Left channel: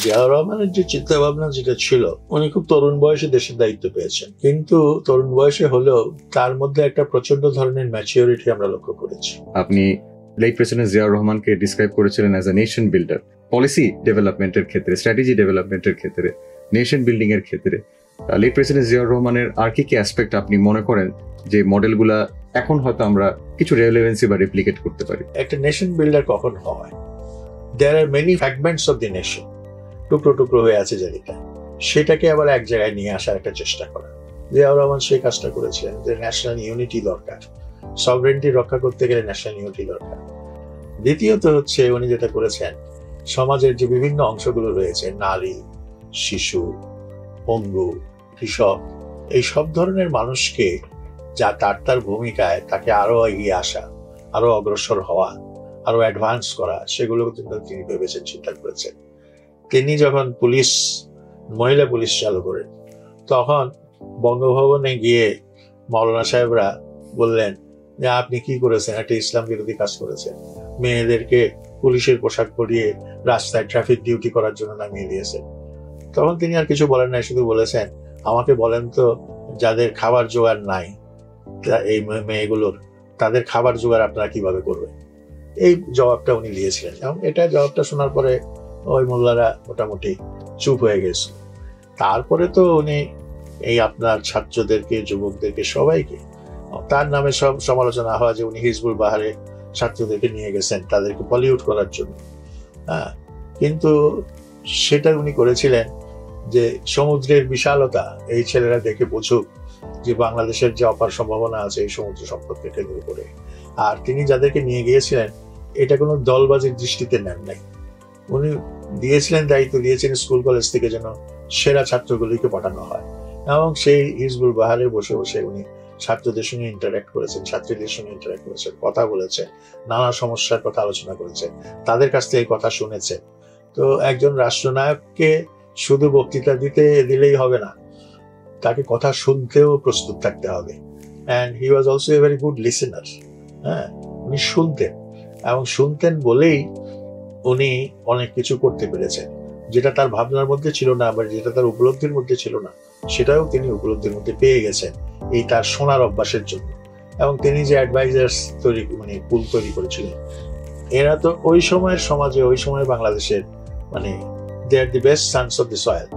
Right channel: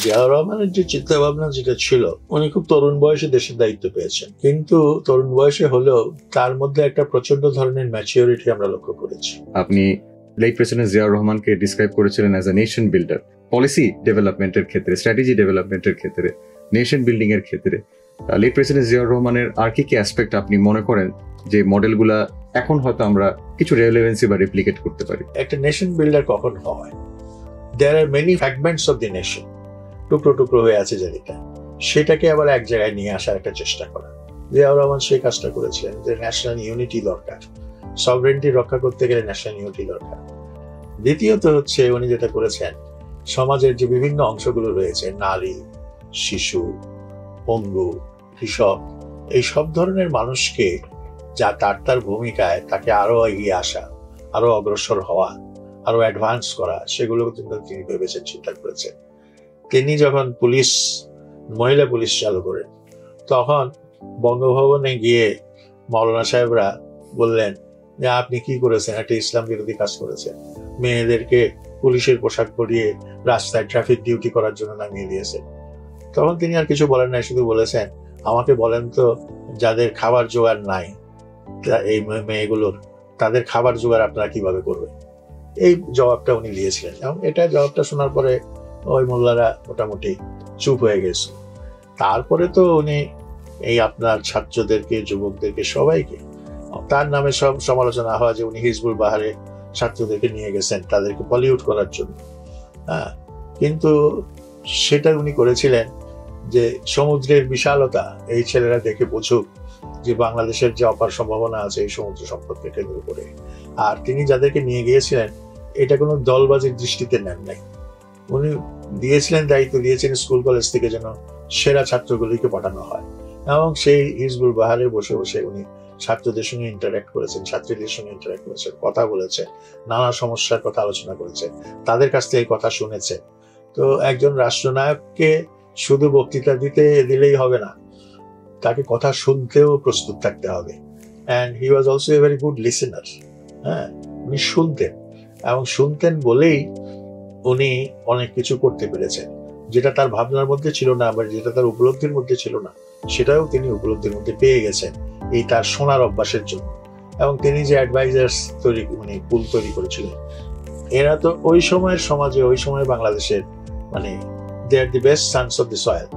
জিয়াউর রহমানের যে চিন্তা ভাবনা যেটা ছিল, উনি খুব তরুণ বয়সে দেশের দায়িত্ব পেয়েছেন, কিন্তু তরুণ বয়সে হলেও তার মধ্যে একটা প্রচন্ড ধরনের ম্যাচিউরিটি আমরা লক্ষ্য করেছি। আপনি লেট প্রেসিডেন্ট জিয়াউর রহমানকে ডিসক্রাইব করেছিলেন as a nation builder, policy ডেভেলপমেন্টের ক্ষেত্রে, স্ট্র্যাটেজি ডেভেলপমেন্টের ক্ষেত্রে, নেশন বিল্ডিং এর ক্ষেত্রে লেট প্রেসিডেন্ট জিয়াউর রহমানের আর কি কি অ্যাসপেক্ট আপনি মনে করেন যে মডেলগুলা এখন হয়তো আমরা কিছু রেলেভেন্সি বা রেপ্লিকেট করতে পারি? হয়ে আছে জায়গাটা, সেটাকে আবার এক জায়গায় নিয়ে আসার একটা চেষ্টা করা। জিয়াউর রহমান সেই কাজটা করেছিলেন যে ন্যাশনাল ইউনিটি দরকার, সভরেন্টি রক্ষা করতে গেলে ন্যাশনাল ইউনিটি দরকার। দ্বিতীয়ত হচ্ছে উনি যেটা করেছেন, সমাজের যে বিভিন্ন অংশগুলো রয়েছে, নারী, শিশু, পঙ্গু, কৃষক, এই সব ধরনের মানুষকে যা তার ভূমিকায় তাকে আরো এগিয়ে আসা, আরো অগ্রসর হওয়া, আরো অ্যাডভান্স করা, সেগুলো কিন্তু তিনি ভেবেছেন, চিন্তা করেছেন। তিনি যখন মহিলা পুলিশ চালু করেন, তখন বঙ্গভবনে গিয়ে মৌলানা সাহেবরা বললেন যে আপনি কি করেছেন, একটা ইসলাম বিরোধী কাজ করেছেন, মেয়েদেরকে পুলিশের পোশাক পরিয়ে রাস্তায় ট্রাফিক ডিউটি করার জন্য নামিয়ে দিয়েছেন। তখন তিনি আর কিছু বলেন নাই, শুধু বলেছেন আমাকে বলেন তো যাদের খাবার জোগাড় নাই, এই মেয়েগুলোর, তাদের খাবার জোগাড় আপনারা কিভাবে করবেন। এই জবাবটা উনি দিয়েছিলেন, এবং এটা জবাবটা শোনার পরে ওই মোল্লারা মোটামুটি চুপ হয়ে গেছে। তারপরে তো উনি এই আপনার ছাত্রদেরকে, যুবকদেরকে, সবাইকে, তার নামে সব সমালোচনা হয় যে উনি হিজবুল বাহারে ছাত্রদেরকে নিয়ে গেছেন তাদেরকে পলিউট করার জন্য। কিন্তু সেটা উনি করেছিলেন যে সমুদ্রের বিশালতা এই ছেলেরা দেখে বুঝুক যে বাংলাদেশের যে অপার সম্ভাবনা আছে এই সমুদ্র সম্পদকে কেন্দ্র করে। আর তিনি যাদেরকে নিয়ে গিয়েছিলেন, এটা কোনো দলবাজির দৃষ্টিতে নেন নাই। উনি দায়িত্ব দিয়েছেন স্কুল কলেজ থেকে যেন সেরা ছাত্রগুলিকে পাঠানো হয়, এবং সেই হিজবুল বাহারে বসে বসে উনি ছাত্রদের সঙ্গে ইন্টারঅ্যাক্ট করেছেন, ছাত্রীদের সঙ্গে ইন্টারঅ্যাক্ট করেছেন, কথা বলেছেন, নানা সমস্যার কথা আলোচনা করেছেন, তাদের কাছ থেকে কথা শুনেছে। তো একজন রাষ্ট্রনায়ককে শুধু বক্তৃতা দিলেই হবে না, তাকে কথা শুনতেও প্রস্তুত থাকতে হবে। And he was also a very good listener. উনি শুনতেন, এবং শুনতেন বলেই উনি অনেক কিছু করতে পেরেছেন, যেটা তার ভাবনার মধ্যে ছিল না, আবার যেটা তার উপলব্ধির মধ্যে ছিল না, সেটাও তিনি উপলব্ধির মধ্যে পেয়ে গেছেন এই তার শোনার অভ্যাসের জন্য। এবং তিনি যে অ্যাডভাইজার্স পুল তৈরি করেছিলেন, এরা তো ওই সময়ের সমাজে, ওই সময় বাংলাদেশের, they are the best sons of the soil.